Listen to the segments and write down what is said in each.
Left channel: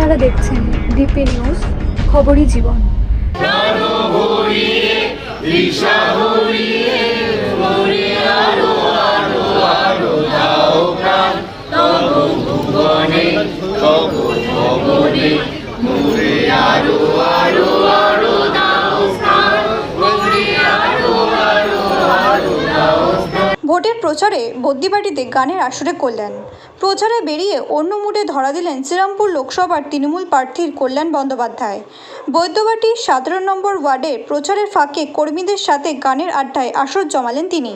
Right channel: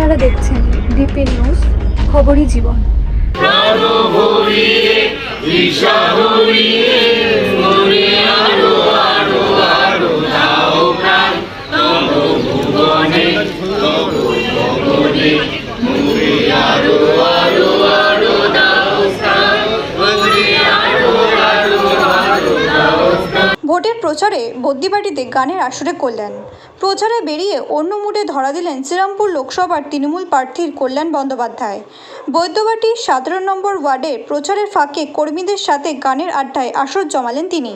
আপনারা দেখছেন DP news, খবরই জীবন। ভোটের প্রচারে বদ্যিবাটিতে গানের আসরে কল্যাণ। প্রচারে বেরিয়ে অন্য মুডে ধরা দিলেন শ্রীরামপুর লোকসভার তৃণমূল প্রার্থীর কল্যাণ বন্দ্যোপাধ্যায়। বৈদ্যবাটি 17 নম্বর ওয়ার্ডে প্রচারের ফাঁকে কর্মীদের সাথে গানের আড্ডায় আসর জমালেন তিনি।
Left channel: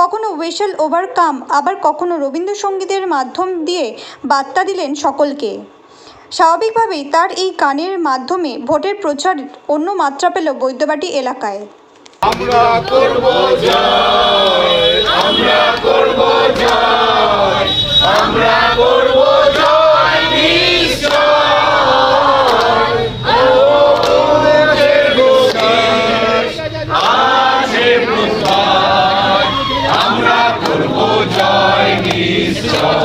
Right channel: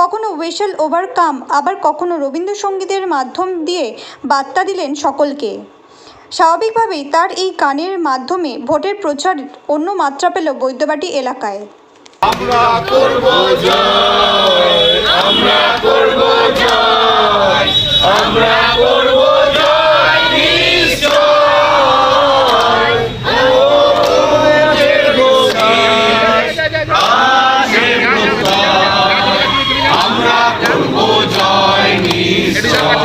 কখনো ওয়েসেল ওভারকাম, আবার কখনো রবীন্দ্রসঙ্গীতের মাধ্যম দিয়ে বার্তা দিলেন সকলকে। স্বাভাবিকভাবেই তার এই গানের মাধ্যমে ভোটের প্রচার অন্য মাত্রা পেল বৈদ্যবাটি এলাকায়। আমরা করব জয়, আমরা করব জয়, আমরা করব জয় নিশ্চয়। ও প্রভুদের গতির আসে প্রকাশ, আমরা করব জয় নিশ্চয়।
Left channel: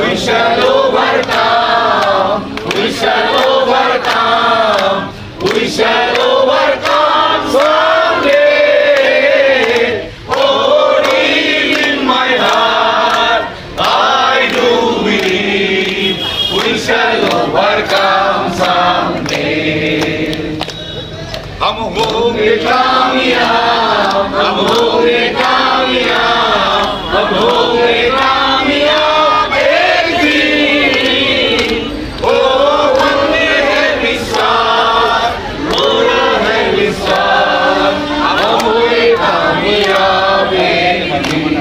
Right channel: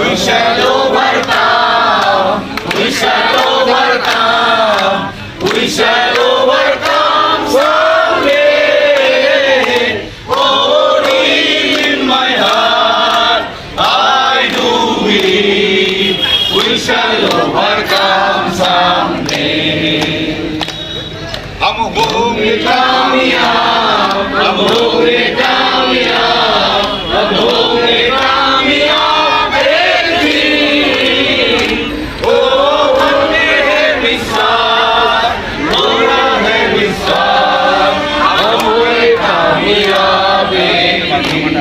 We shall overcome, we shall overcome, we shall overcome someday. Oh, deep in my heart, I do believe we shall overcome someday. हम होंगे कामयाब, हम होंगे कामयाब, हम होंगे कामयाब एक दिन। ओ हमने है विश्वास, पूरा है विश्वास, हम होंगे कामयाब एक दिन।